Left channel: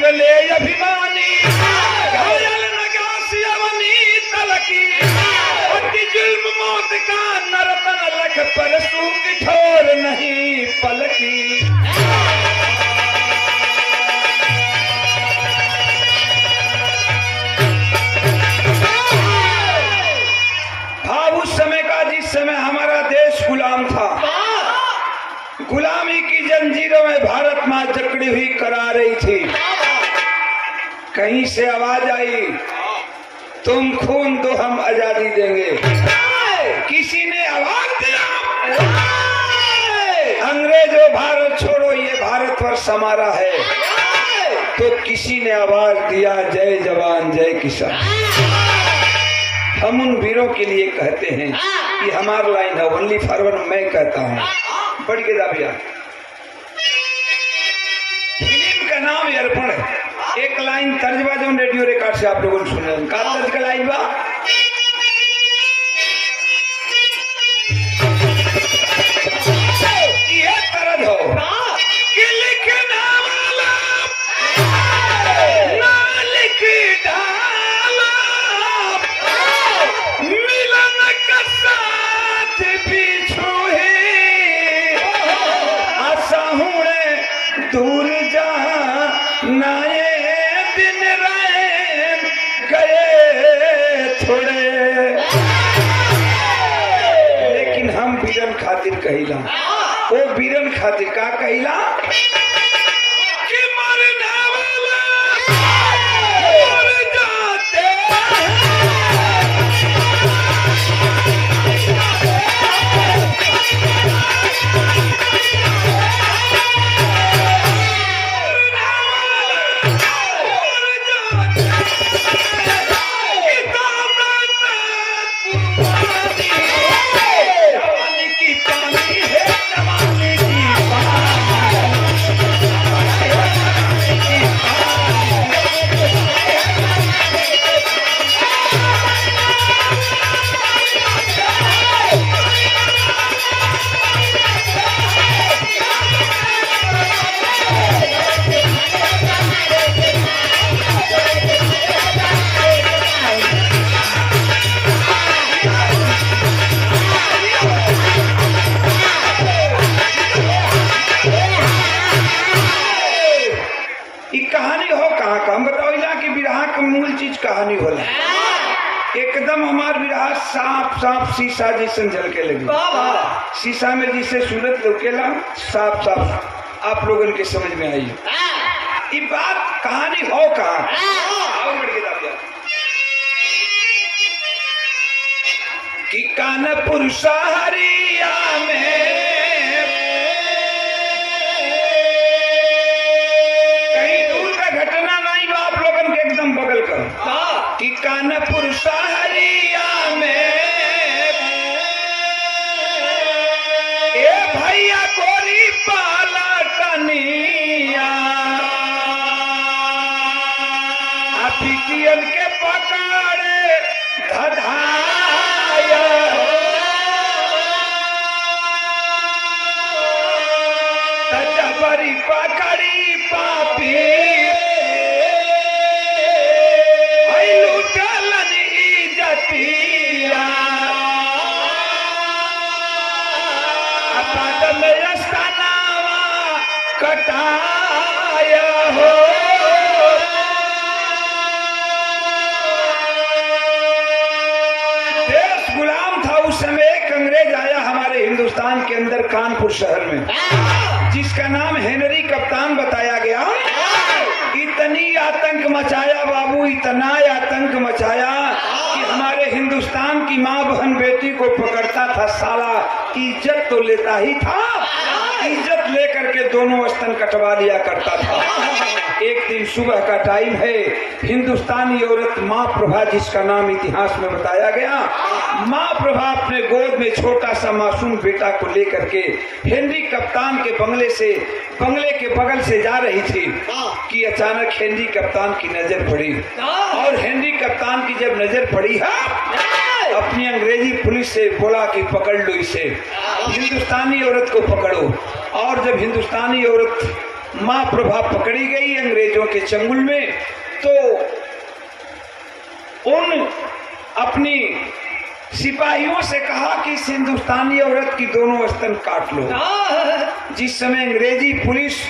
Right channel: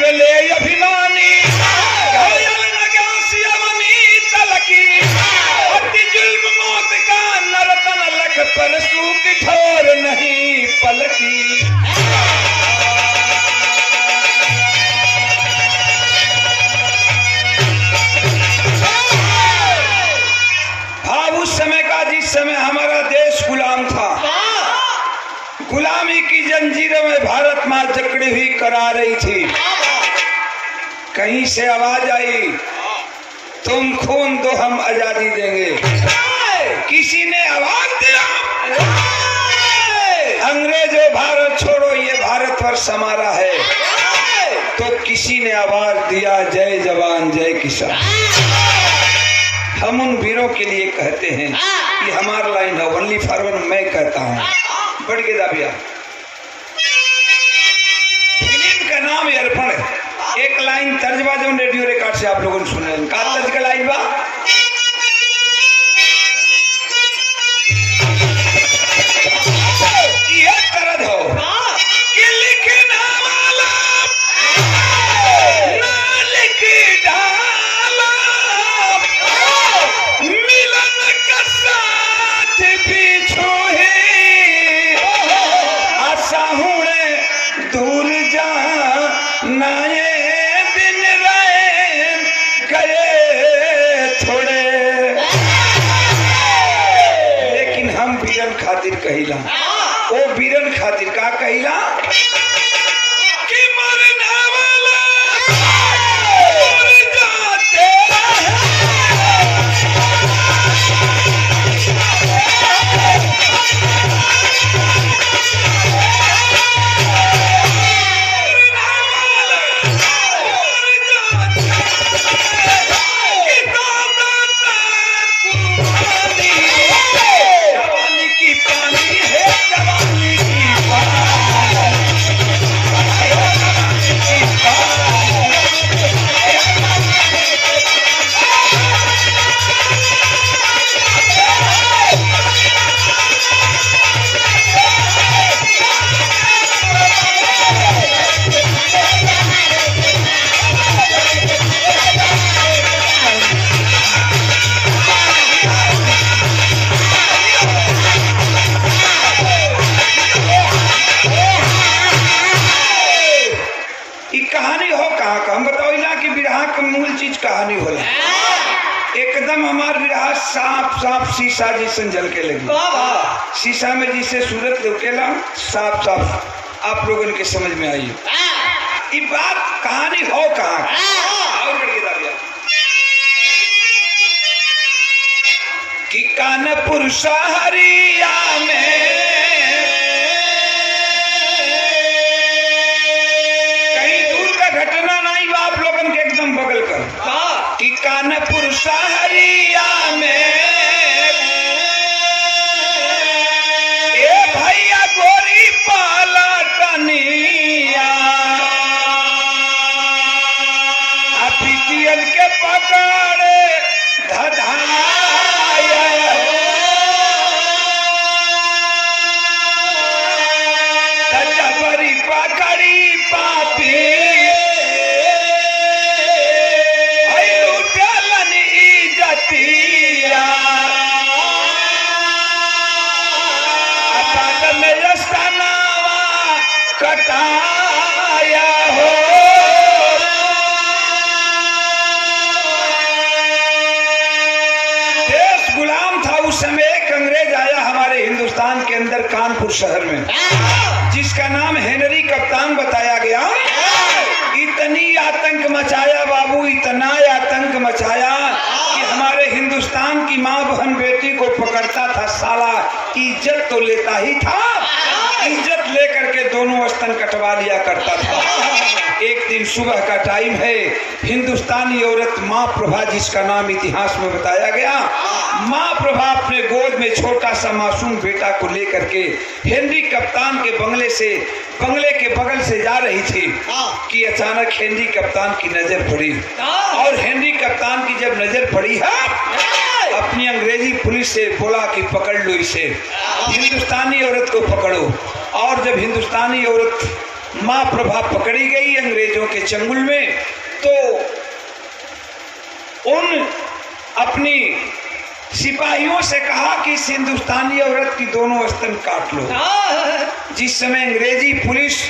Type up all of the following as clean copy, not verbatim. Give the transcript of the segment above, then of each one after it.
ले अभिमानी घायल नगासी अवनी तलकी अति जुल्म मौत का नरतन लख परसू की ठोर नहीं पलकी। भाव उस समय का जिस समय हमारा देश गुलाम था, गुलामी की जंजीरों में भारत मां जकड़ी हुई करा रही थी। कहीं से आवाज आई, तुम खून दो हम आजादी देंगे। किसी ने आवाज दिया, अंग्रेजों भारत छोड़ो, ये भारतवर्ष हमारा है। तो किसी ने आवाज दिया, जय जवान जय किसान। हम उन वीरों के लिए कहते हैं, ये हमारा लाइन है, ओनली फॉर वन मैं कहता हूँ। बढ़ के दाबिया फिल्म का नाम अर्पण है। एक लाइन तर्जबा जो रेडियो रिकॉर्ड से आप लोगों ने सुने, का तर्ज का लाइन बा, ये तरज हो कि लिखने वाला ना लिख डाला, मिलन का साथ भी छोहे दूर जा नाये दिन रहे गए थोड़े। लेकिन हम वीरन खातिर कहिला, ओ वीरन खातिर का कहिला कि मरने वाला मर जाते कहानी होला। एकदम हमार विराह साफ साफ शीशा जैसन झल के लगी। शीशा में जिसे सूरत लौकेला साफ साफ आप लोगों के समझ में आई। ये बात कहानी हो कहाँ कि कानपुर शहरिया में एकदम बगल कर कि कानपुर शहरिया में ए भैया गोरी पालटनिया पिटियन के पकड़े धधाया जबरी पकड़ी पापी कटाया हो। देश गुलाम था उस समय। एक अंग्रेज आया हमारे हिंदुस्तान के अंदर कानपुर शहर में, जिसका नाम हेनरी कप्तान बताया गया। इतनी आतंक मचाया बाबू, इतना आतंक मचाया कि हमारे हिंदुस्तान की माँ बहन बेटी को पकड़ता था साला, इज्जत तो लेता ही था, इज्जत लेकर के दोनों स्तन कटवा लिया करता था। एक दिन सुबह का टाइम है, हिंदुस्तानी औरत माँ प्रभा, जिसका नाम इतिहास में बताया गया, माँ प्रभा अपने गोद में छोटा सा मासूम बेटा को लेकर के हेनरी कप्तान के बंगले के बगल से जा रही थी कि अचानक हेनरी कप्तान की नजर पड़ी। और हेनरी कप्तान की जब नजर पड़ी है, अपनी अंग्रेजी पुलिस से बोला कि पकड़ लो इसे, हिंदुस्तानी औरत को पकड़ो। और जब हिंदुस्तानी औरत माँ प्रभा पकड़ी गई अंग्रेजों के चंगुल में, तो उन अपनी सिपाहियों से कहा कि इस हिंदुस्तानी औरत की दोनों स्तन काट लो। जिस समय अंग्रेजी पुलिस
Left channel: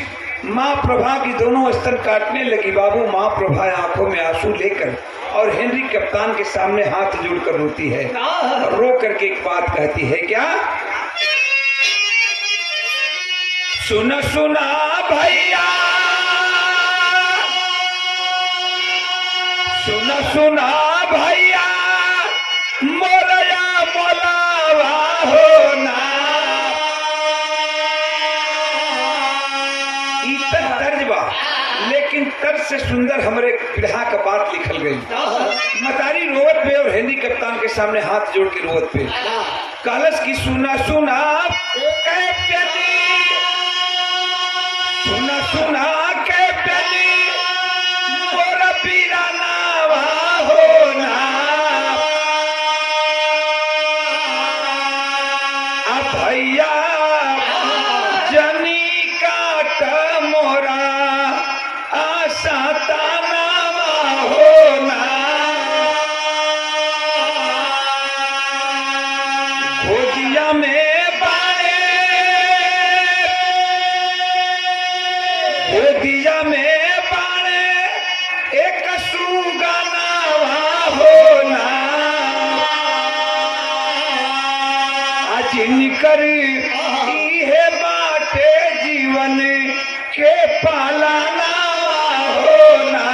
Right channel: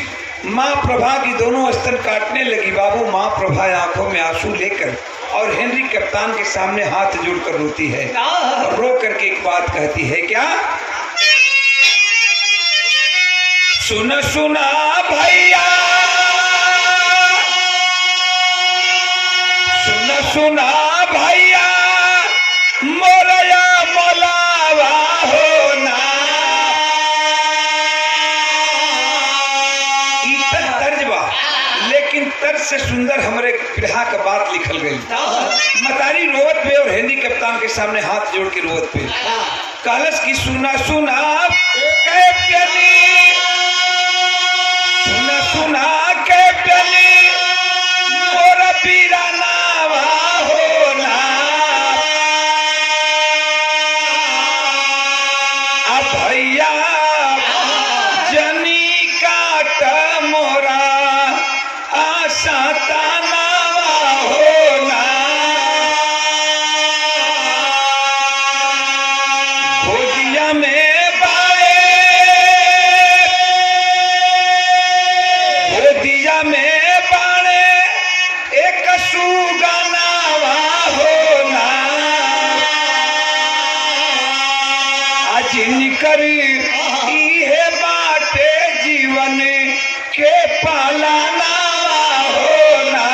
माँ प्रभा की दोनों स्तन काटने लगी, बाबू माँ प्रभा आंखों में आंसू लेकर और हेनरी कप्तान के सामने हाथ जोड़कर रोती है और रो करके एक बात कहती है, क्या? सुना सुना भैया, सुना सुना भैया, मोरया मोलावा हो ना। इतना तर्जबा, लेकिन तर्ज से सुंदर हमरे बिरहा का बात लिखल गई। मतारी रोवत पे और हेनरी कप्तान के सामने हाथ जोड़ के रोवत पे कलश की सुना सुना कह प्याली, सुना सुना कह प्याली, मोरा पीराना हो ना। अब भैया जनी काट मोरा आशा ताना हो ना। गोदिया में बाड़े, गोदिया में बाड़े एक सुगाना हो ना। जिनकर इहे बाटे जीवन के पालाना हो ना।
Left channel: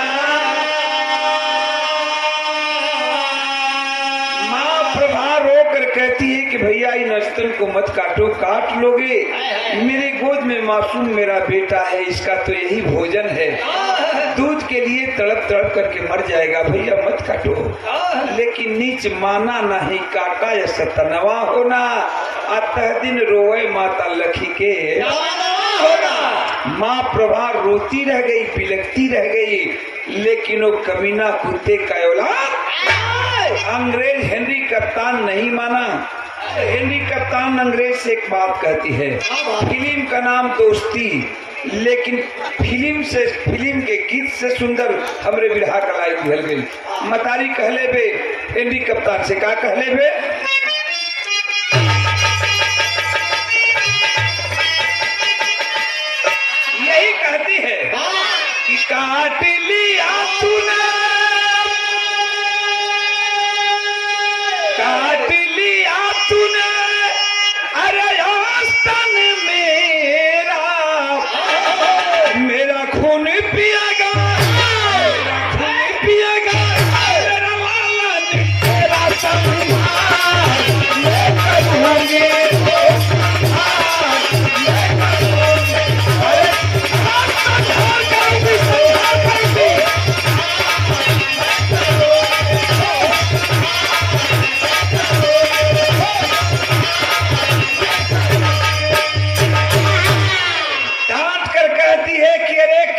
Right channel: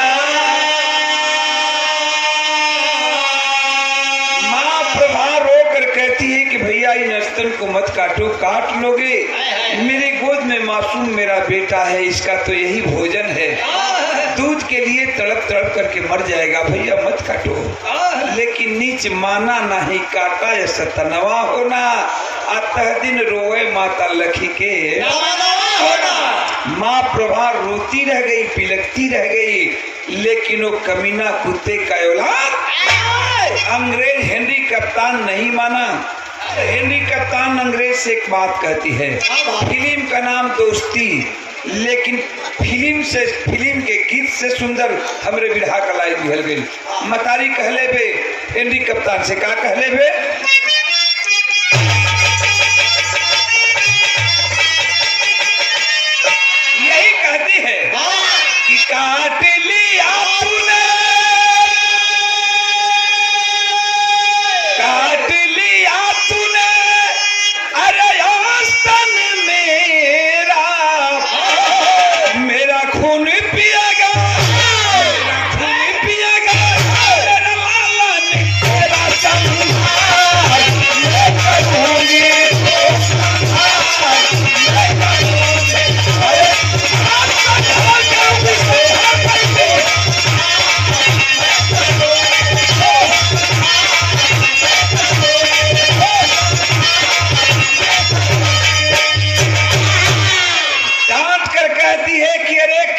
माँ प्रभा रो कर कहती है कि भैया इन स्तन को मत काटो, काट लोगे मेरी गोद में मासूम मेरा बेटा है, इसका तो यही भोजन है, दूध के लिए तड़प तड़प करके मर जाएगा, भैया मत काटो। लेकिन नीच माना नहीं काटा या सतनवा होना, अतः दिन रोए माता लखी के होना। माँ प्रभा रोती रह गई, बिलखती रह गई, लेकिन वो कमीना कुत्ते का औलाद अंग्रेज हेनरी कप्तान नहीं माना। हेनरी कप्तान अंग्रेज से एक बात कहती है, फिल्म का नाम दोस्ती, लेकिन फिल्म के गीत से सुंदर हमरे बिरहा का लाइन निकल गई। मतारी कहले बे हेनरी कप्तान से, का कहले बे? यही कहती है कि काट लिया तूने, काट लिया तूने, अरे आस्तन मेरा, मेरा खून पिएगा, मेरा खून पिएगा, मेरा लाला तेरा संहार मैं करूंगी।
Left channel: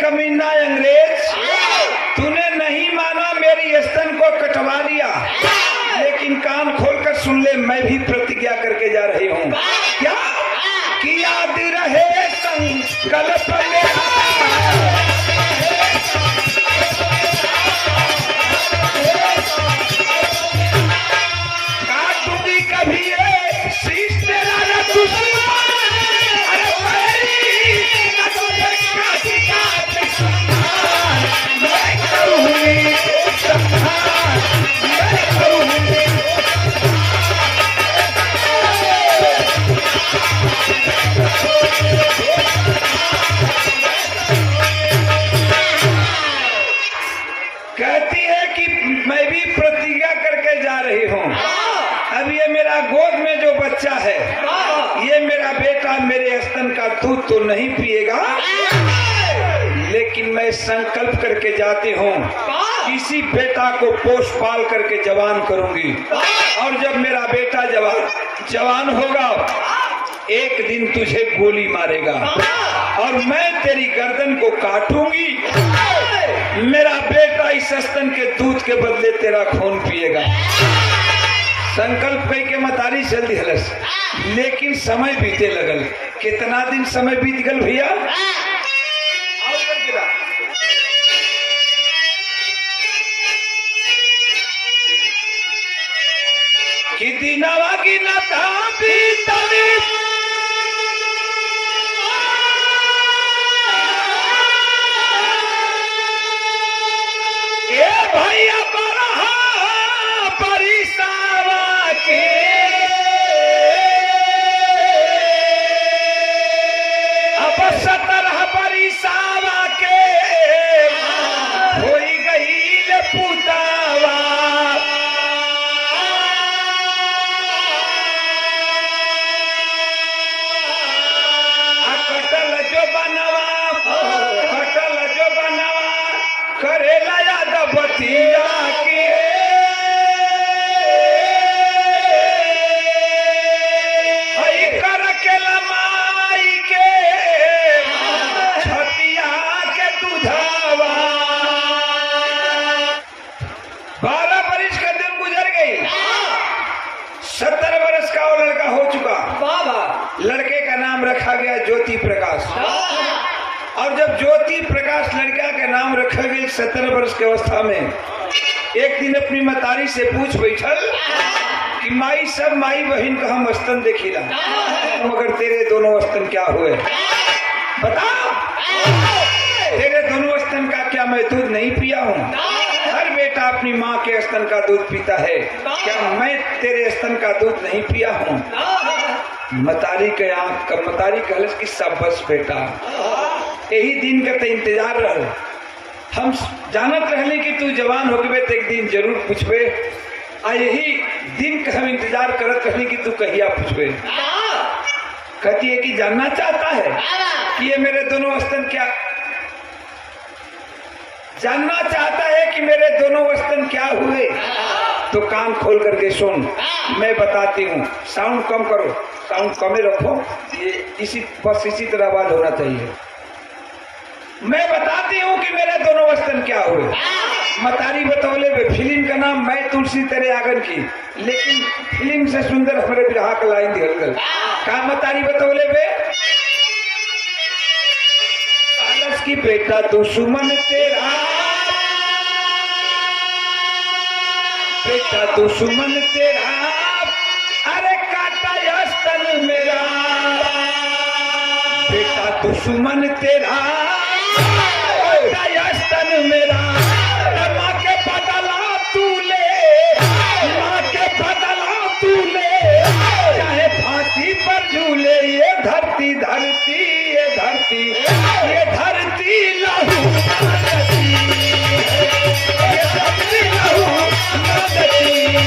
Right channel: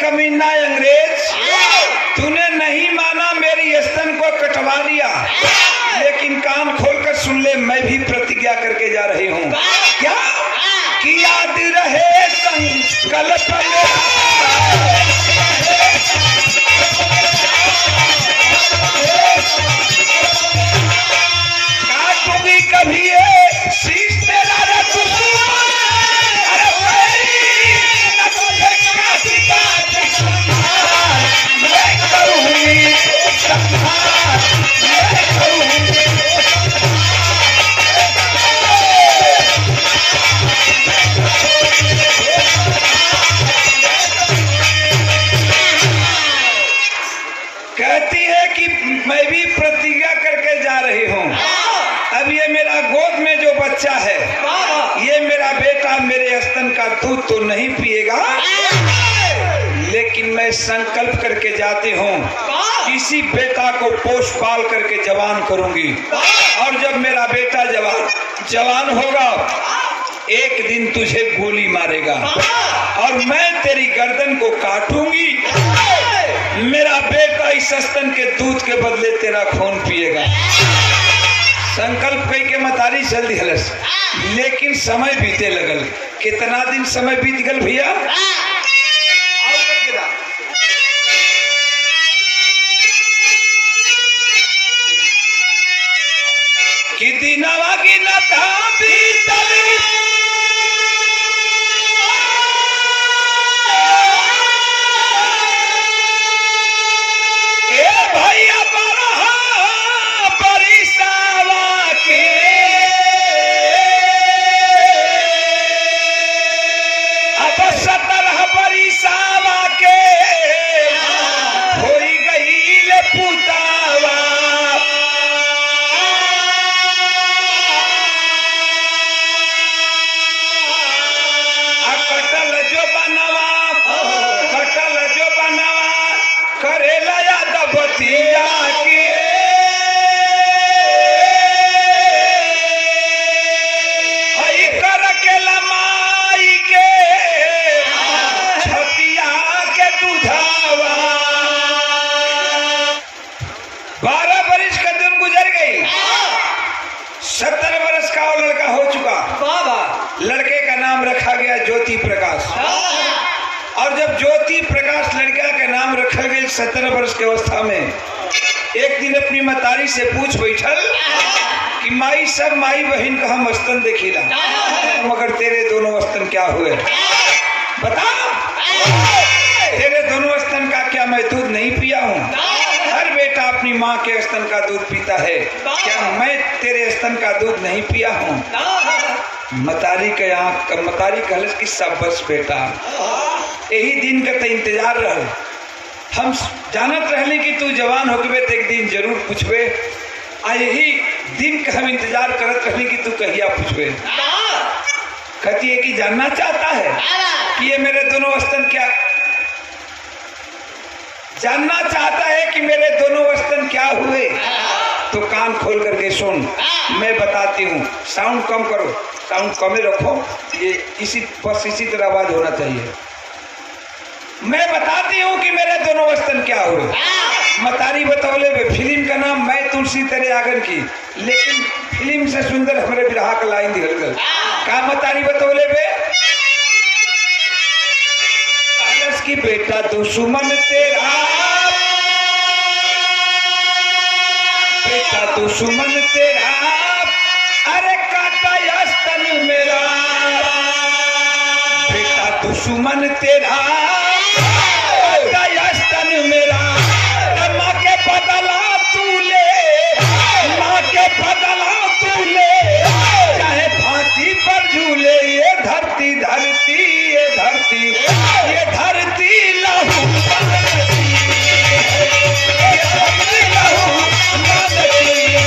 कमीना अंग्रेज, तूने नहीं माना, मेरी स्तन को कटवा लिया, लेकिन कान खोलकर सुन ले, मैं भी प्रतिज्ञा करके जा रही हूँ। क्या? कि याद रहे संकल्प काटूंगी कभी ये शीश तेरा कहती है कि मैं भी प्रतिज्ञा करके जा रही हूँ। अब ये मेरा गोद में जो बच्चा है, ये मेरा बेटा मेरे स्तन का दूध तो नहीं पिएगा, लेकिन मैं संकल्प करके जाती हूँ, इसी बेटा को पोष पाल करके जवान करूंगी, और जब मेरा बेटा जवान होगा, एक दिन तुझे गोली मारेगा और मैं तेरी गर्दन को काटूंगी, मेरा बेटा इस स्तन के दूध के बदले तेरा खून पिएगा। संकल्प कई के मतारी चल दिहलस, लेकिन समय बीते लगल। कितना दिन समय बीत गल भैया? जब ज्योति प्रकाश लड़का के नाम रखल गई 17 वर्ष के अवस्था में, एक दिन अपनी मतारी से पूछ बैठल कि माई सब माई बहन का हम स्तन देखिला, मगर तेरे दोनों स्तन क्या हुए बता। तेरे दोनों स्तन का क्या मैं दूध नहीं पिया हूँ? हर बेटा अपनी माँ के स्तन का दूध पीता है, क्या मैं तेरे स्तन का दूध नहीं पिया हूँ? मतारी के आँख का मतारी कहल कि सब बस बेटा, यही दिन का तो इंतजार रह, हम जानत रहली कि तू जवान हो गए तो एक दिन जरूर पूछबे, आ यही दिन का हम इंतजार करत रहली कि तू कहिया पूछबे। कहती है कि जानना चाहता है कि ये मेरे दोनों स्तन क्या, जानना चाहता है कि मेरे दोनों स्तन क्या हुए? तो कान खोल करके सुन, मैं बताती हूँ। साउंड कम करो, साउंड कम ही रखो, ये बस इसी तरह आवाज होना चाहिए। मैं बताती हूँ कि मेरे दोनों स्तन क्या हुए। मतारी बतौले बे, फिल्म का नाम मैं तुलसी तेरे आंगन की, लेकिन फिल्म से सुंदर हमारे बिरहा का लाइन दिहल गल। का मतारी बतौले बे अलस की बेटा दुश्मन तेरा, बेटा दुश्मन तेरा, अरे काटा स्तन मेरा, बेटा दुश्मन तेरा स्तन मेरा, माँ के बदला तू ले, माँ के बदला तू ले, चाहे फांसी पर झूले। ये धरती धरती ये धरती ये धरती लहू मांगती है, ये धरती लहू मांगती है।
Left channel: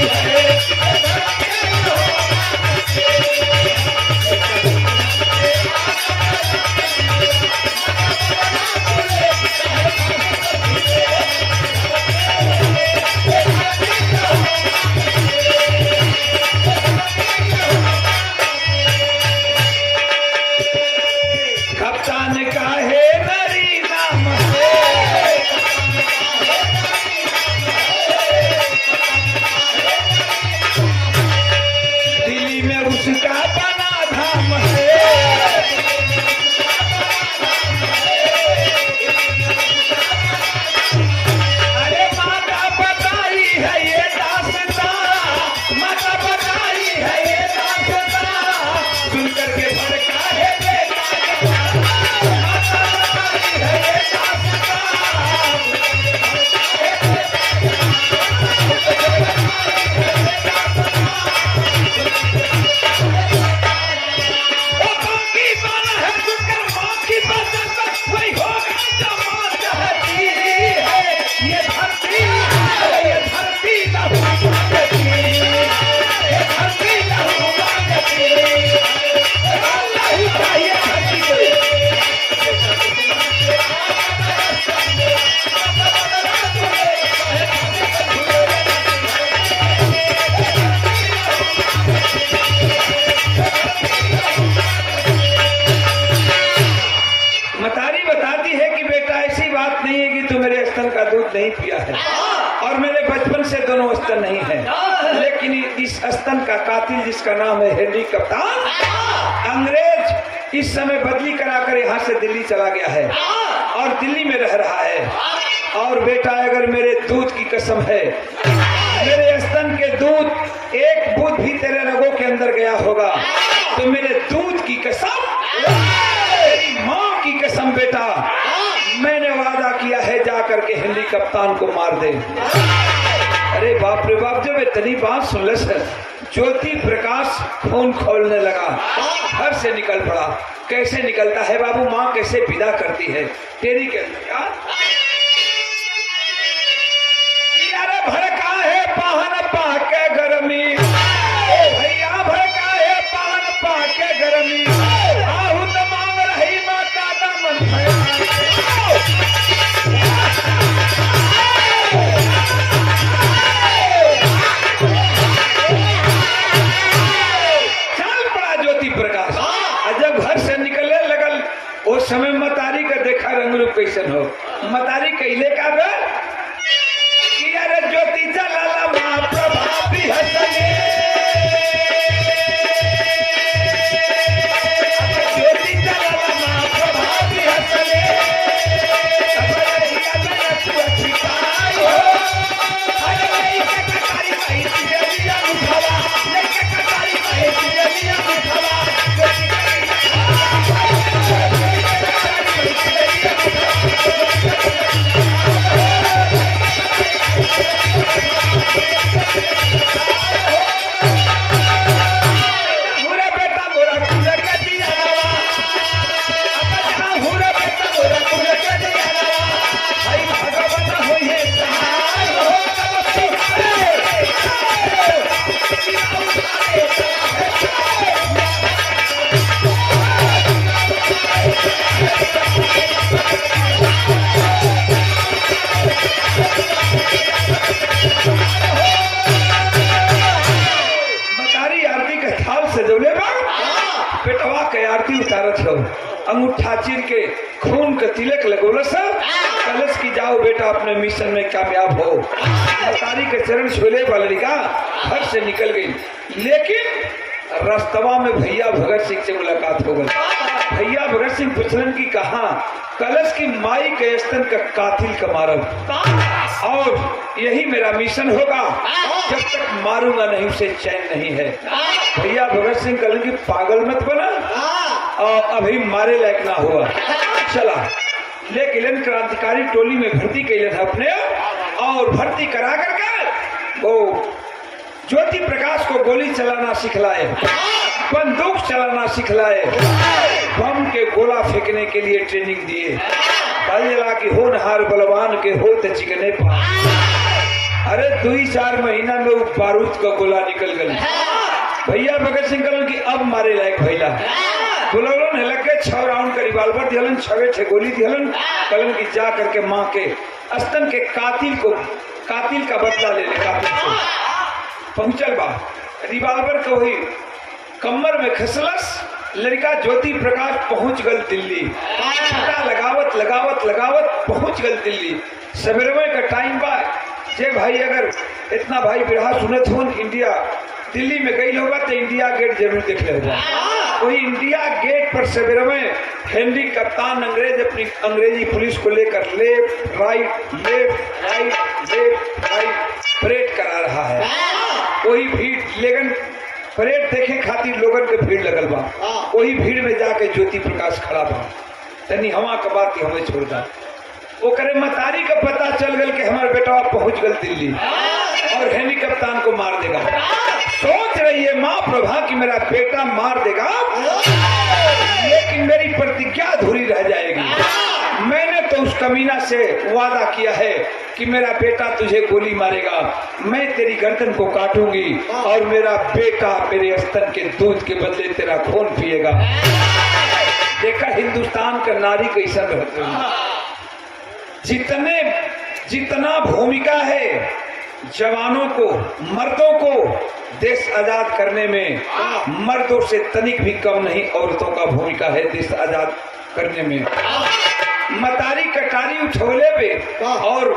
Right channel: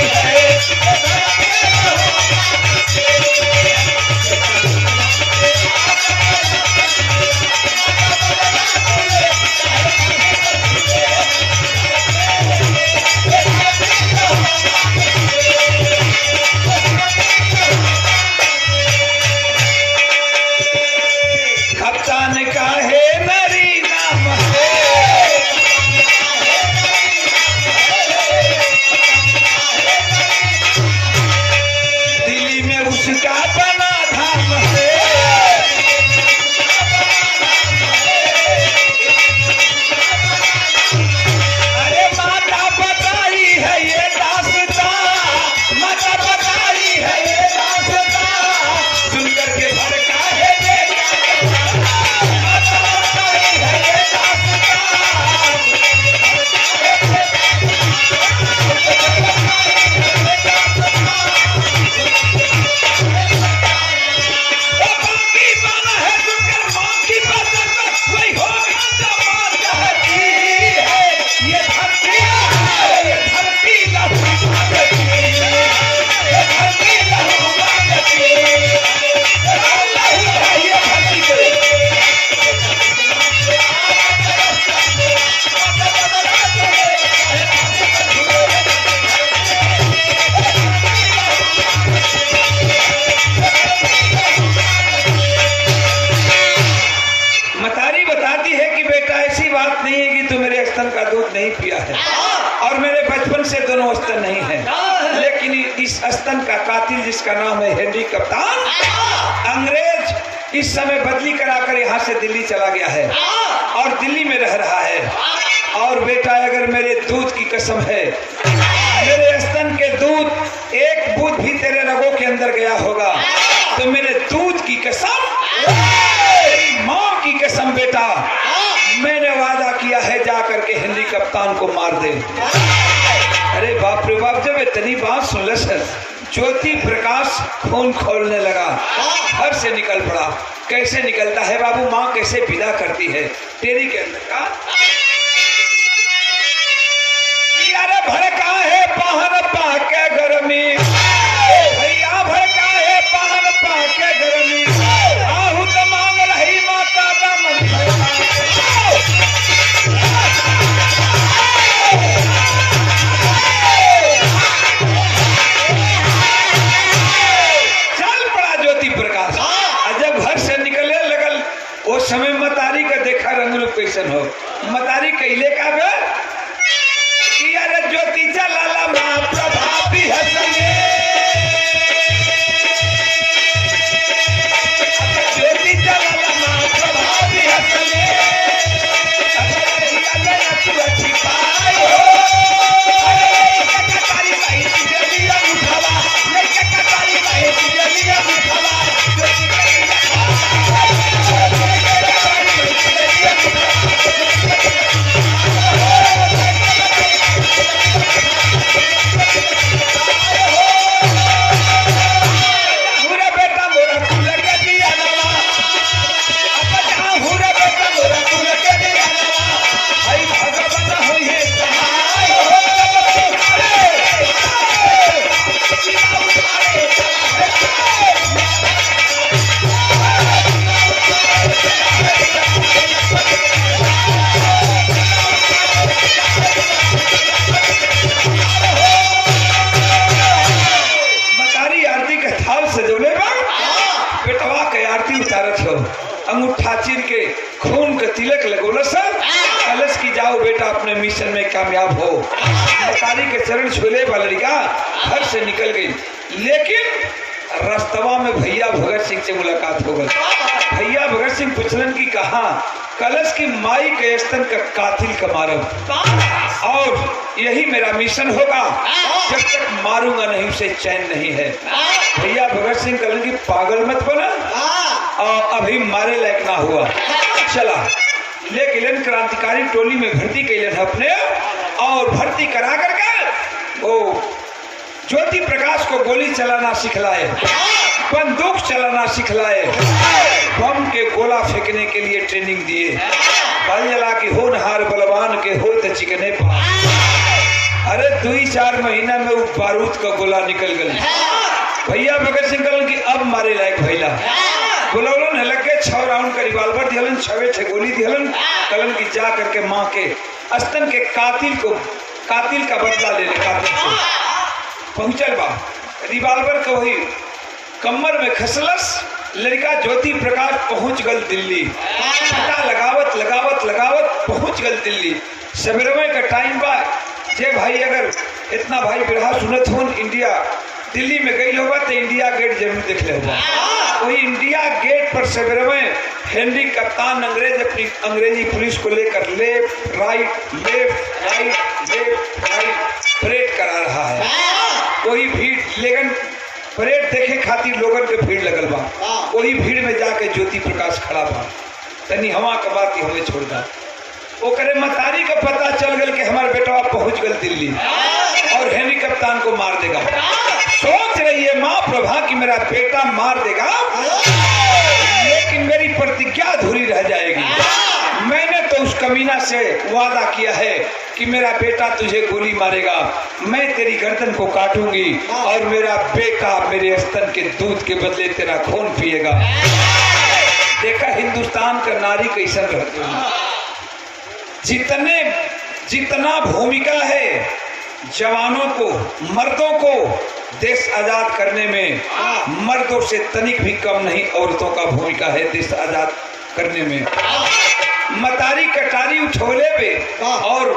नहीं है, लेकिन इस स्तन का कातिल जिसका नाम है हेनरी कप्तान, अंग्रेज इस समय बदली कराकर यहाँ से दिल्ली चला गया है और दिल्ली में रह रहा है। और बेटा अगर मेरे दूध की कसम है, मेरे स्तन के दूध एक बूंद भी तेरे रगों के अंदर गया होगा तो मेरे दूध की कसम, तेरी माँ की कसम बेटा, मैंने वादा किया है जाकर के हेनरी कप्तान को मार दे। अरे बाप रे बाप, जब इतनी बात सुनलस ज्योति प्रकाश खून खोलने लगा, घर से निकल पड़ा। कैसे निकलता है बाबू, माँ कैसे विदा करती है तेरी के अंदर का। अरे भड़का है पाहन पाके गर्मी, भैया भड़का है पाहन पाके गर्मी, आहू तो मांग रही माता का मन है। उस समय मतारी का देखा रंग रूप कैसन हो, मतारी कैले का बे कि अरे ज्योति चला माँ प्रभावी हसले, ज्योति चला माँ प्रभावी हसले, तिलक लगोला सर कलश की जाओ बेटा अपने मिशन में कामयाब हो। मतारी के चरण छूले वाला लड़का घर से निकल गई, लेकिन रास्तवा में भैया भगत सिंह से मुलाकात हो गई। भैया भगत सिंह पूछलन की कहा कलश की माई के स्तन का कातिल का मारब और यही मेरा मिशन होगा, जब तक मारूंगा नहीं उसे चैन नहीं है। भैया भगत सिंह कहलन की पागल मत बना और अभी मारे लायक ना हुआ, चला ले गिलन क्रांतिकारी टोली में भर्ती कैलन अपने और भर्ती करा करके वो ज्योति प्रकाश को गोली चलाना सिखलाए, बंदूक चलाना सिखलाए, बम के गोला फेंकने के लिए ट्रेनिंग दिए। बल जला की होनहार बलवान के हो तो चिकने पा। अरे 2-4 महीना में वो बारूद का गोला निकल गई। भैया भगत सिंह कहलन की अब मारे लायक भैला बुलौलन लगे 6 राउंड का रिवाल्वर दिहलन, 6 गोली दिहलन। कहलन की जा करके माँ के स्तन के कातिल का बदला ले ले। कातिल से पहुंचल बा, रिवाल्वर को ही कमर में खसलस, लड़का ज्योति प्रकाश पहुंच गल दिल्ली। लगावत लगावत लगावत पहुंच गल दिल्ली। सवेरे का टाइम बा, जे भाई अगर इतना भाई बिरहा सुनत हो इंडिया दिल्ली में गई होगा तो इंडिया गेट जरूर देख ले हुआ। वही इंडिया गेट पर सवेरे में हेनरी कप्तान अंग्रेज अपनी अंग्रेजी पुलिस को लेकर लेफ्ट राइट परेड करा रहा है। वही भीड़ लेकिन परेड देखे खातिर लोगन के भीड़ लगल बा। वही भीड़ में जाके ज्योति प्रकाश खड़ा बा, तनी हवा का बात की हमें छोड़ दा। ओकरे मतारी का पता चल गल कि हमारे बेटा पहुंच गल दिल्ली और हेनरी कप्तान को मार देगा। सोच रही है माँ प्रभा कि मेरा बेटा मार देगा, लेकिन मेरी प्रतिज्ञा अधूरी रह जाएगी। मैंने तो उस कमीना से वादा किया है कि मेरा बेटा तुझे गोली मारेगा, मैं तेरी गर्दन को काटूंगी और मेरा बेटा मेरे स्तन के दूध के बदले तेरा खून पिएगा। देखा हिंदुस्तान का नारी कैसा रहता है, जितना भूमिका है जवानों को मर्दों को देश आजाद करने में, मर्दों से तनिक भी कम नहीं औरतों का भूमिका है देश आजाद करने में। मतारी कटारी उठोले पे और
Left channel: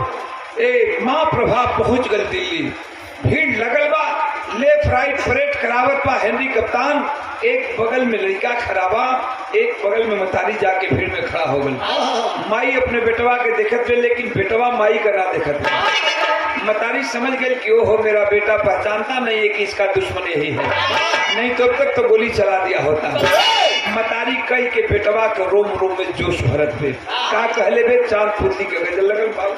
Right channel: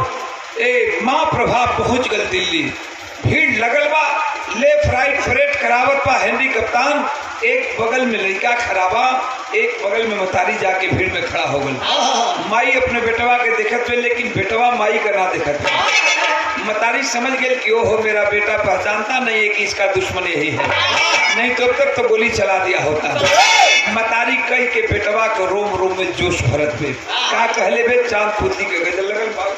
माँ प्रभा पहुंच गल दिल्ली। भीड़ लगल बा, लेफ्ट राइट परेड करावत बा हेनरी कप्तान। एक बगल में लड़का खराबा, एक बगल में मतारी जाके भीड़ में खड़ा हो गई। माई अपने बेटवा के देखत पे, लेकिन बेटवा माई का ना देखत पे। मतारी समझ गई कि ओहो मेरा बेटा पहचानता नहीं है कि इसका दुश्मन यही है, नहीं तो अब तक तो गोली चला दिया होता। मतारी कह के बेटवा को रोम रोम में जोश भरत पे का कहले बे चांद पुती के गजल लगल भाई।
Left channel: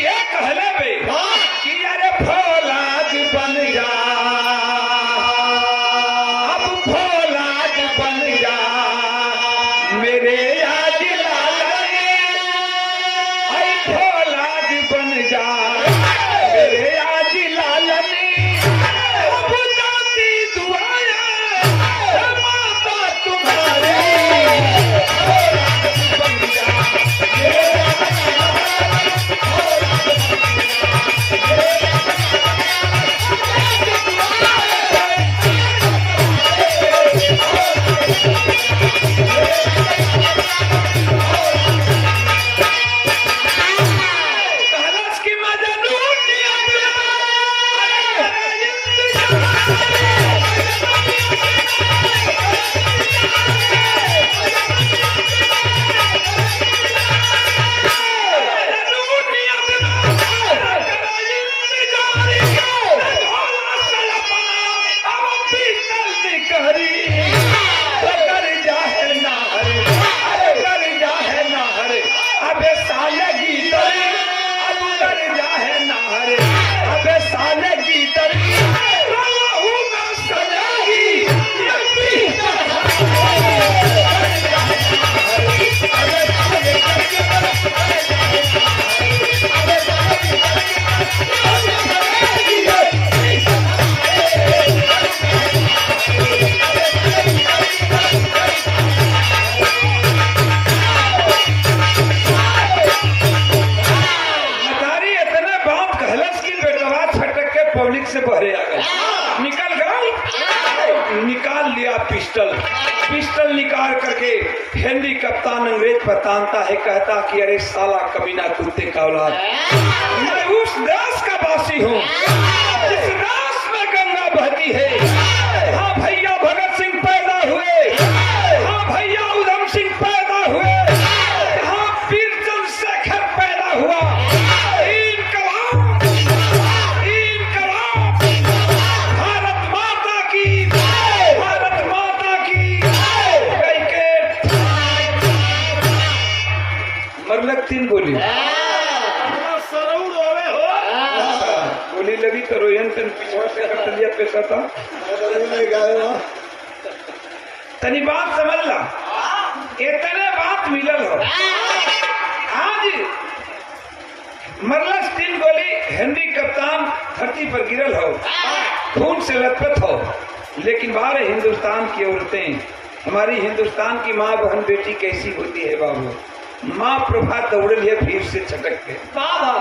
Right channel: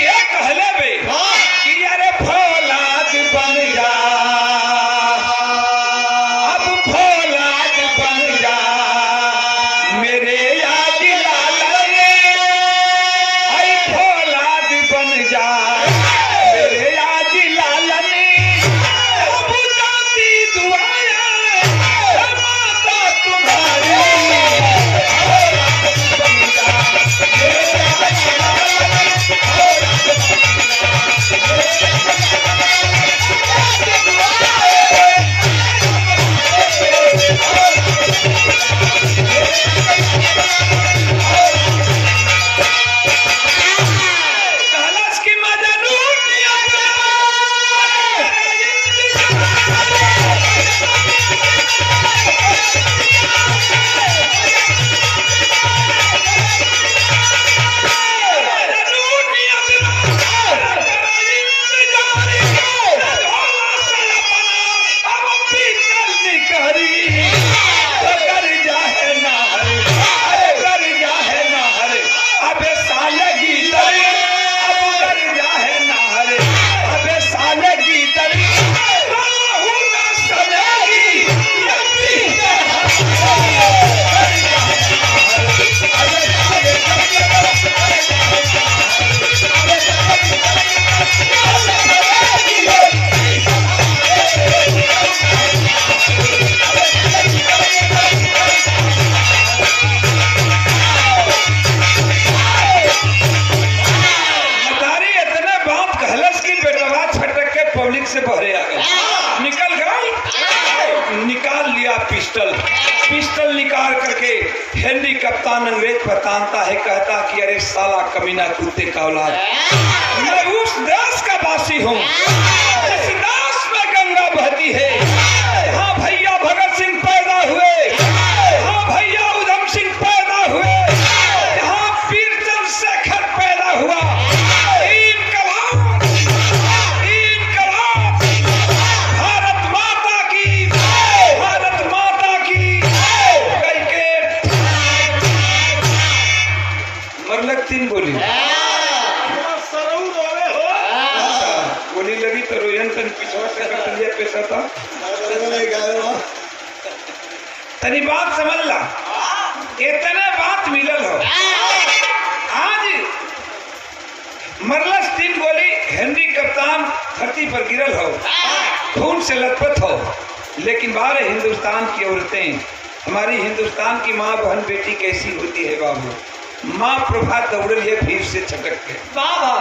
ये कहले बे कि अरे फौलाद बन जा, अब फौलाद बन जा मेरे याद लाला रे, आई फौलाद बन जा मेरे याद लाला रे। अब दादी दुआया माता तुम्हारी, फौलाद बन जा मेरे याद लाला रे, फौलाद बन कहलस की मजनू पिस्टल। पिस्टल निकाल करके हेनरी कप्तान अंग्रेज पर तानता है, कहता कि अरे साला कमीना कुत्ते का औलाद, मैं उस देश का वासी हूँ जिस देश में गंगा बहती है। हाँ भैया भगत सिंह पैदा हुए, हाँ भैया उधम सिंह पैदा हुए, हाँ वीर चंद्रशेखर पैदा हुआ। तीन गोली गोली लगी तो रोयन तन पिछवा से कटलिया पैसा था। तनी बात समझ ला, इतने बात मिलल हो। आज मरलस तीन गोली, हेनरी कप्तान धरती पर गिरल हो, खून से लथपथ हो। लेकिन बाहर हिंदुस्तान की औरतें, हमारी हिंदुस्तान की माँ बहन बेटी कैसी होती है बाबू। माँ प्रभा दौड़ लिए फिर से छटक के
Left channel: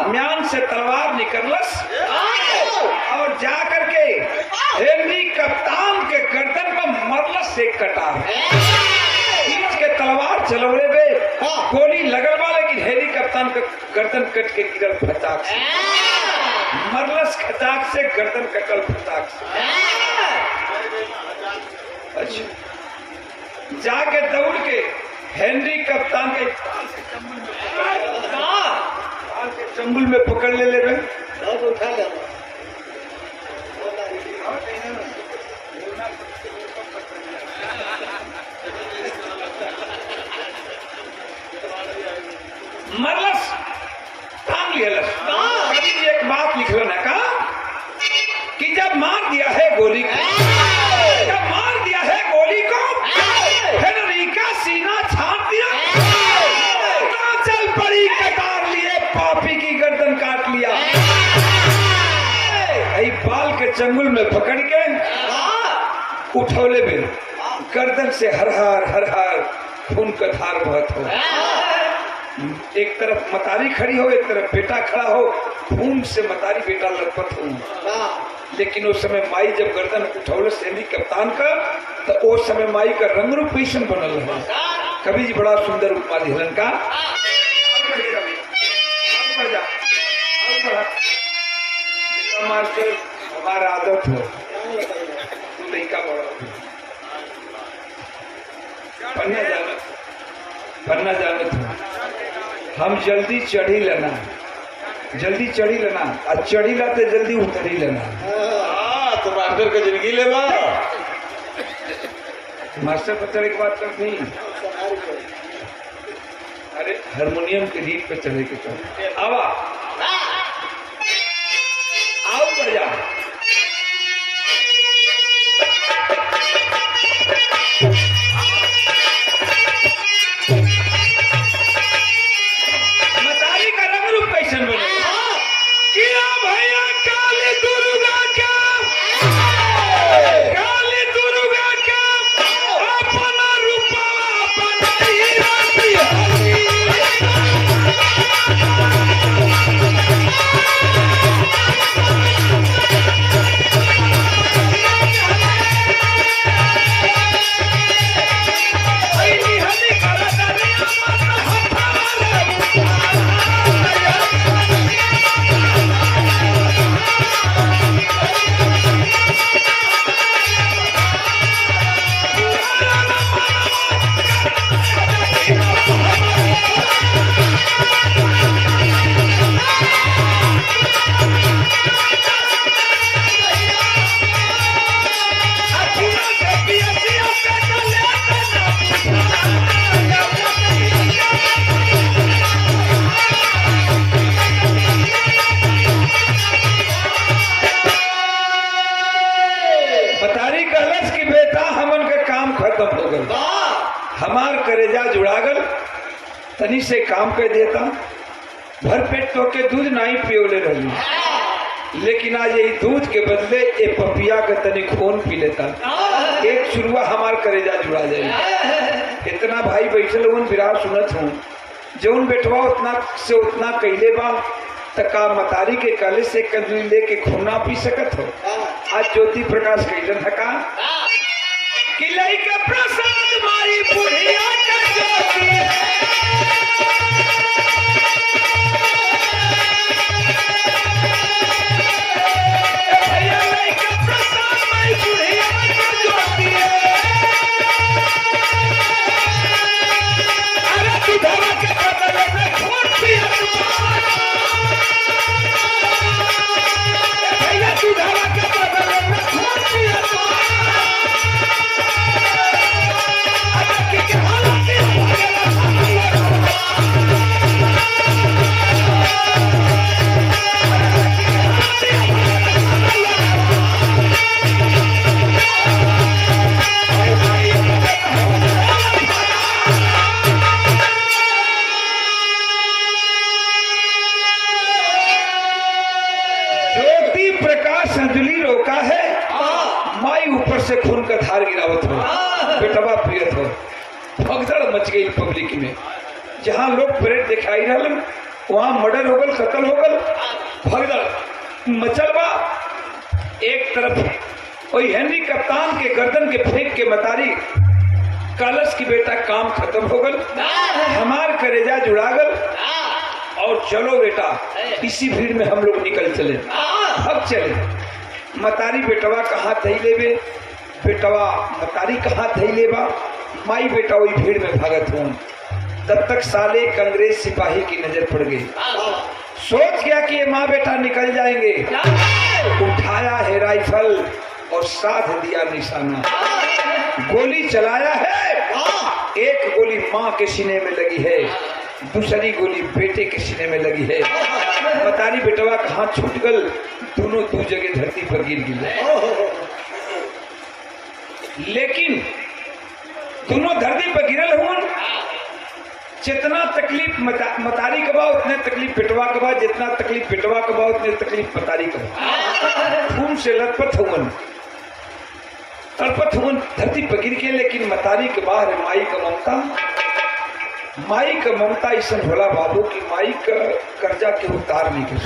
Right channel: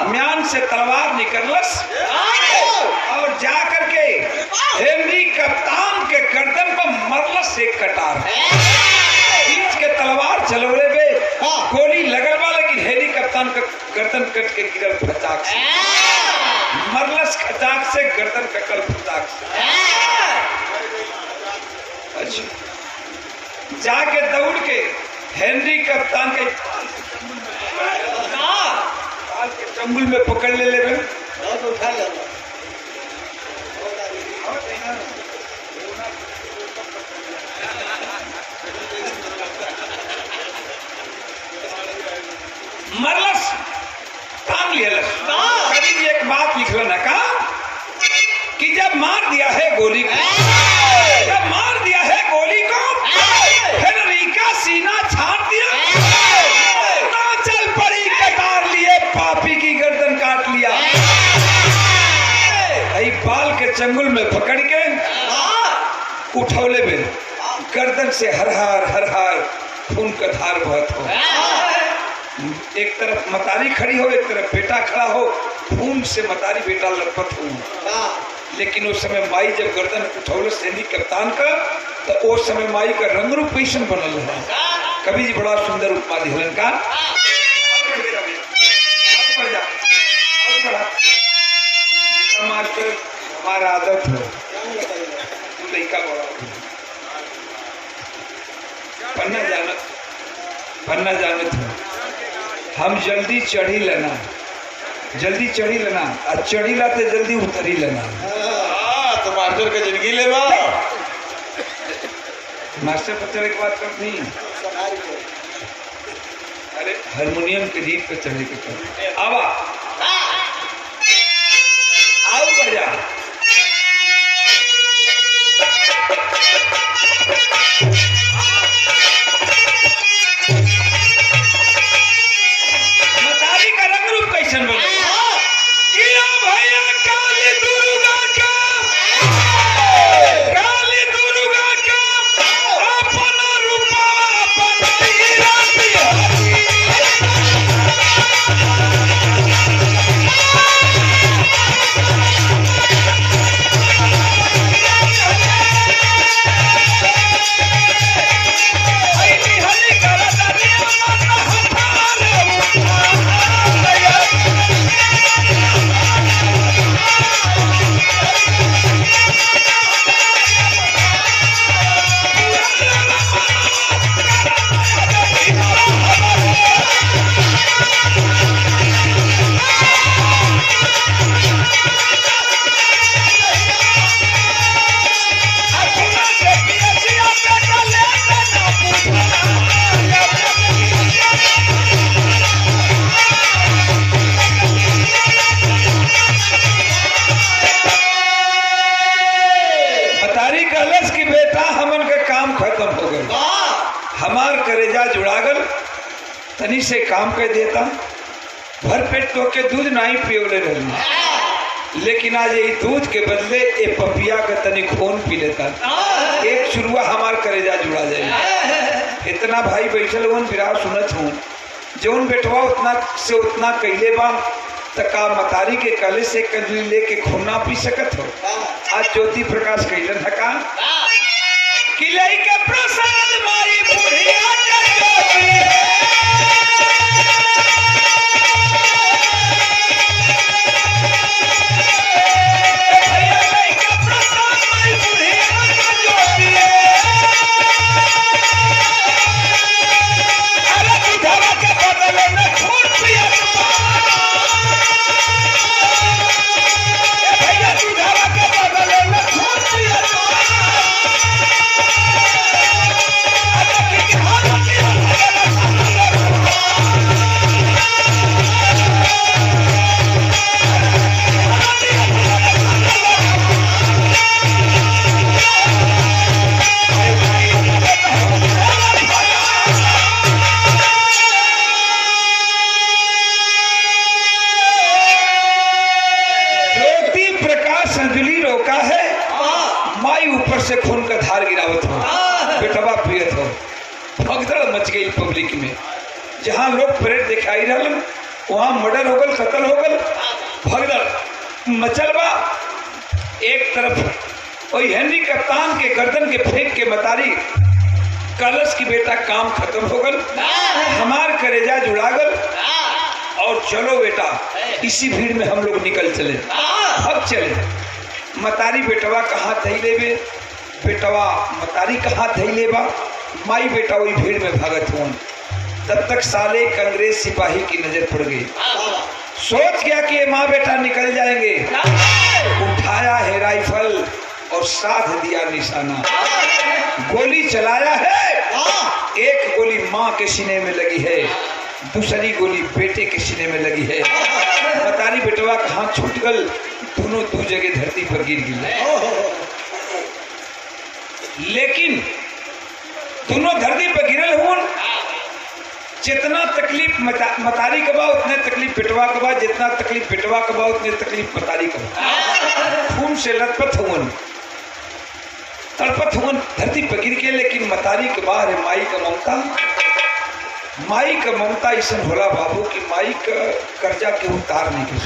म्यान से तलवार निकलस और जाकर के हेनरी कप्तान के गर्दन पर मरलस एक कटार। खींच के तलवार चलौड़े बे गोली लगल बा, लेकिन हेनरी कप्तान का गर्दन कट के गिरल फटाक से। मरलस खचाक से गर्दन कटल फटाक से। अच्छा, जाके दौड़ के हेनरी कप्तान के चंगुल में पकड़ ले लेवे। मरलस टांग लिया। कभी एक बात लिखल ना का कि जब मार दिया है गोली को, जब मार दिया है गोली को, हेनरी का सीना छाट दिया, चल पड़ी कटार लिए, पापी की गर्दन काट लिया। बाल के चंगुल में पकड़ के उठौले में गर्दन से हर हार खून का धार बहत हो। एक तरफ मतारी खड़ी हो, एक तरफ बेटा खड़ा हो, खून से मतारी बेटा लड़पत हो। लेकिन उस समय माई जब गर्दन उठौले हेनरी कप्तान का, तो उस समय माई का रंग रूप कैसन बनल है। कवि जी बड़ा सुंदर उपमा दिहलन का। मास्टर हमारा आदत हो, तू लड़का बड़ा पन्ना जानत हो, हम जल्दी चढ़ी लेना, जल्दी चढ़ी लेना, और चढ़ी लाते जल्दी उतरी लेना। तो मास्टर का जिंदगी लेना, मास्टर पर चढ़े की बात करनी। अरे हारमोनियम के रीत पे चढ़े के कर आवा आओ बढ़िया। मतारी का रंग रूप कैसन बने किया भैया काली दुर्गा का, काली दुर्गा का अपना रूपा बनाई राती होती। हमार करेजा जुड़ागल तनी से काम कर देता, भर पेट तो के दूध नहीं पियोले रही, लेकिन आज ये दूध के बदले ये पपिया का तनी खून पी लेता, एक शुरुआ हमार करेजा जुड़ा जाए। इतना भाई बैठल उन विराट सुनत हूँ, जौन बेटवा उतना से उतना कैले बा, तका मतारी के कले से कदली लेके खून ना पी सकत हो। आज ज्योति प्रकाश कैलन हका कि लइका प्रसाद माई बुढ़िया का जोगी। भैया लइका प्रसाद माई बुढ़िया का जोगी। अरे दूधवा के बदले में खून पिया भैया दूधवा के बदले में खून पिया ज्योति प्रकाश संजुली रोका है, माई ऊपर से खून का धार गिरावत हो, बेटवा पियत हो। भगदड़ मच गई पब्लिक में। जहां लोग परेड दिखाई रहलन वहां मर्डर हो गल, कत्ल हो गल, भगदड़ मचल बा। एक तरफ वही हेनरी कप्तान के गर्दन के फेंक के मतारी कलश की बेटा काम खत्म हो गल, हमार करेजा जुड़ा गल। और चलो बेटा इसी भीड़ में हम लोग निकल चले। अब चले मतारी बेटवा कहाँ थैले बे, बेटवा मतारी कहाँ थैले बा, माई बेटा वही भीड़ में भागत हुआ। तब तक साले एक अंग्रेज सिपाही की नजर पड़ गई। सोच गया कि ये माँ बेटा निकल जाएंगे। उठाया है राइफल और साध दिया निशाना, गोली चलाया है। एक गोली माँ के सीने में लगी है, दूसरी गोली बेटे के सीने में लगी है। मतारी बेटवा का हाथ छूट गल, दोनों दो जगह धरती पर गिर गए। लेकिन दोनों धरती पर गिरल हुआ। जितना तकलीफ मतारी का बा उतने तकलीफ बेटवा का बा, जितना तकलीफ बेटवा का बा उतने तकलीफ मतारी का बा। खून से लथपथ हुआ, तड़पत हुआ धरती पर गिर के। लेकिन मतारी के बाहर है माई का ममता। माई का ममता ऐसा होला बाबू कि माई का कर्जा के उतार नहीं कर।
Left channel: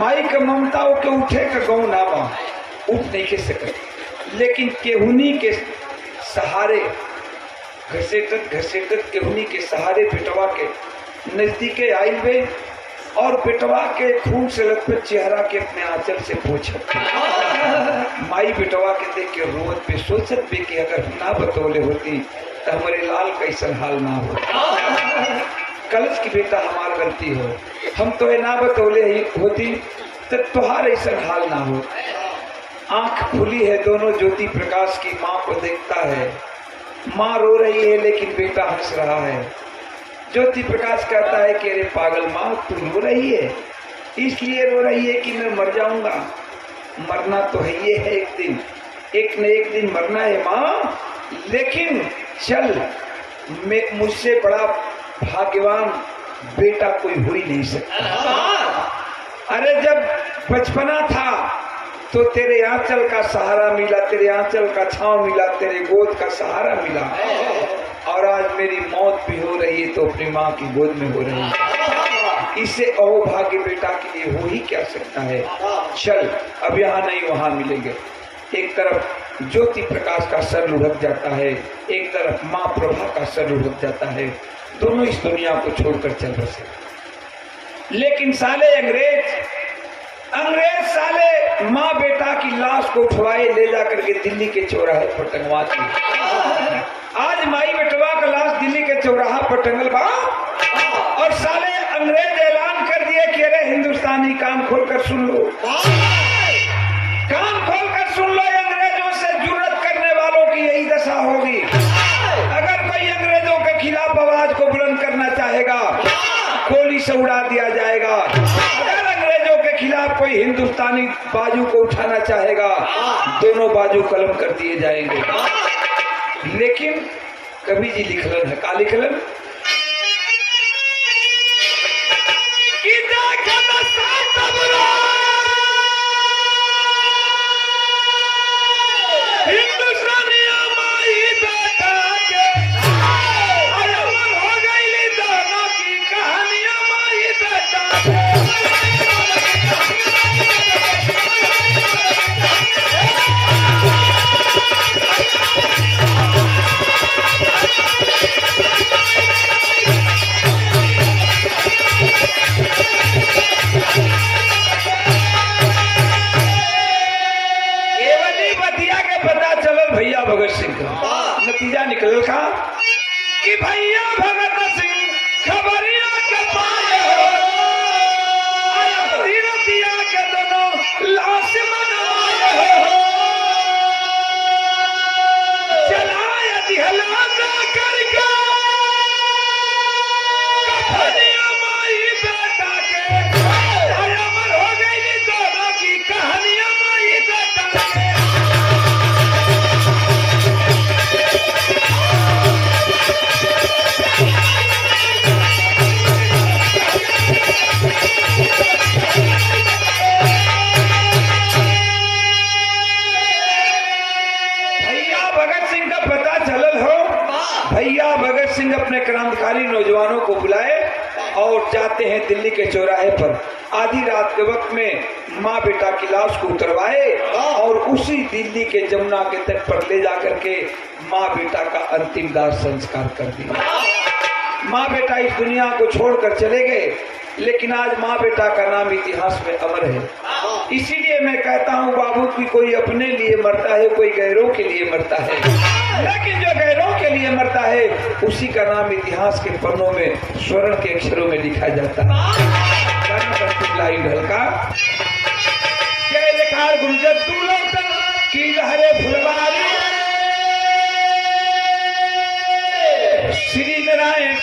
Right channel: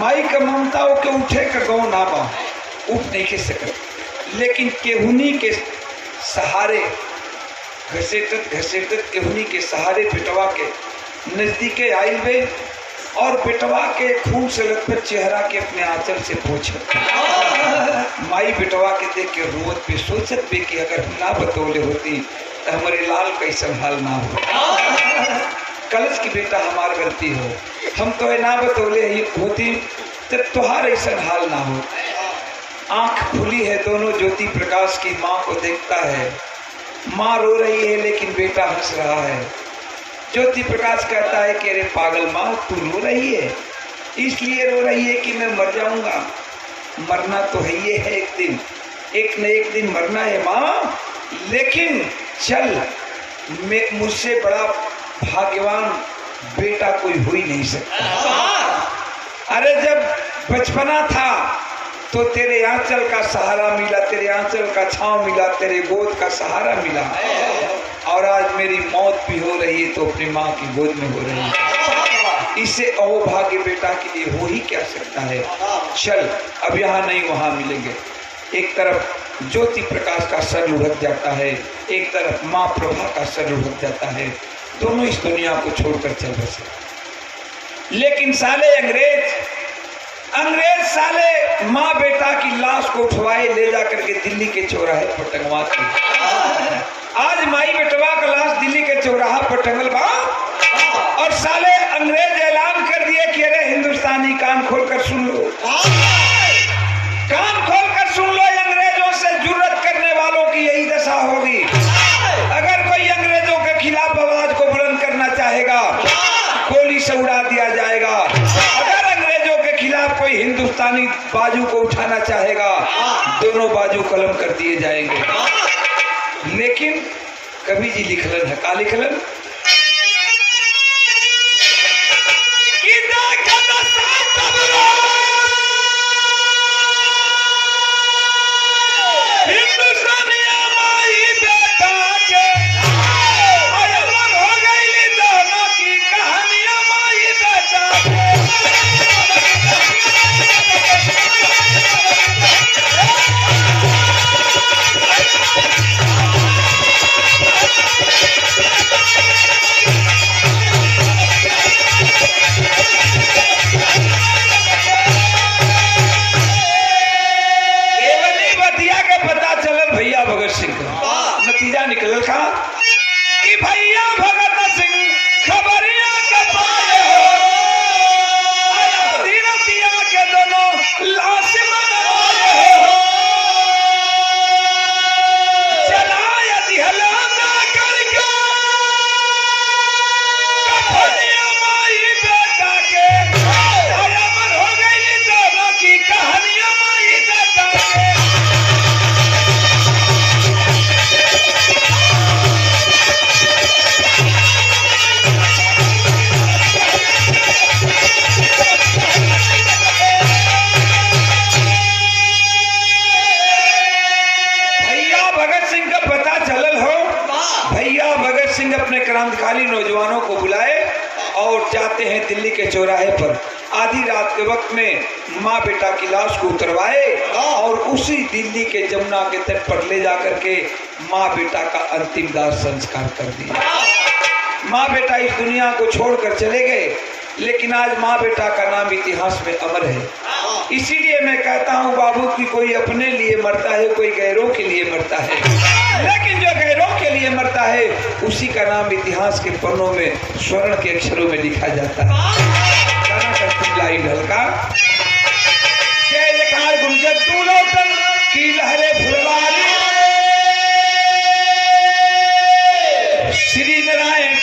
माई का ममता के उठे का गाँव ना बा, उठ नहीं के सकत। लेकिन केहुनी के सहारे घसेटत घसेटत केहुनी के सहारे बेटवा के नजदीके आइल बे और बेटवा के खून से लथपथ चेहरा के अपने आंचल से पोछत। माई बेटवा के देख के रोवत पे सोचत भी कि अगर ना बतौले होती तो हमारे लाल कैसन हाल ना हो। कलश की बेटा हमार गलती हो, हम तो ना बतौले होती तो तुहार ऐसा हाल ना हो। आंख खुली है दोनों ज्योति प्रकाश की, माँ को देखता है। माँ रो रही है लेकिन बेटा हंस रहा है। ज्योति प्रकाश कहता है कि अरे पागल माँ तू रो रही है, इसलिए रो रही है कि मैं मर जाऊंगा। मरना तो है ये है, एक न एक दिन मरना है माँ। लेकिन चल, मुझसे बड़ा भाग्यवान बेटा कोई हो ही नहीं सकता। अरे जब बचपना था तो तेरे आंचल का सहारा मिला, तेरे आंचल का छांव मिला, तेरे गोद का सहारा मिला। और आज मेरी मौत भी हो रही है तो अपनी माँ की गोद में हो रही है। इससे अहोभाग्य बेटा के लिए हो ही क्या सकता है। चल अब यहाँ नहीं वहाँ मिलेंगे। एक तरफ ज्योति प्रकाश का सर लुढ़क जाता है, एक तरफ माँ प्रभा का सर लुढ़क जाता है। दोनों इस दुनिया को छोड़कर चल बसे। लेकिन साले अंग्रेज साले माँ बेटा की लाश को उठवाए ले जा करके दिल्ली के चौराहे पर टंगवाते। आज माई बेटवा का लाश दिल्ली के चौराहा पर टंगल बा और साले अंग्रेज ऐलान कर दिए कि अरे हिंदुस्तानी कान खोलकर सुन लो, कान खोलकर सुन लो। अंग्रेजों से जुर्रत करने वालों की यही दशा होगी। अगर कोई अंग्रेजों के खिलाफ आवाज को बुलंद करना चाहेगा गोली से उड़ा दिया जाएगा। अगर अंग्रेजों के खिलाफ कोई हिंदुस्तानी बाजू को उठाना चाहेगा दोनों बाजू कलम कर दिए जाएंगे। लेकिन कवि जी लिखलन है, का लिखलन भगत सिंह का नतीजा निकल का कि भैया भगत सिंह खबरिया के पाए हो रतिया के दोनों लाश बनाए हो जलाया दिहला ना करके कफनिया माई बेटा के अमर हो गई दोनों की कहानियां माई बेटा के। भैया भगत सिंह अपने क्रांतिकारी नौजवानों को बुलाए और जाते हैं दिल्ली के चौराहे पर। आधी रात के वक्त में माँ बेटा की लाश को उतरवाए और उसी दिल्ली के जमुना के तट पर ले जाकर के माँ बेटा का अंतिम दाह संस्कार कर दिया। माँ बेटा इस दुनिया को छोड़कर चले गए, लेकिन आज माँ बेटा का नाम इतिहास में अमर है। इसीलिए मैं कहता हूँ बाबू की कोई अपने लिए मरता है, कोई गैरों के लिए मरता है, लेकिन जो गैरों के लिए मरता है उसी का नाम इतिहास के पन्नों में स्वर्ण के अक्षरों में लिखा जाता है। लाइन ढलका जय जयकार गुंजत तू लौटन की लहरे फुलवारी श्री नारायण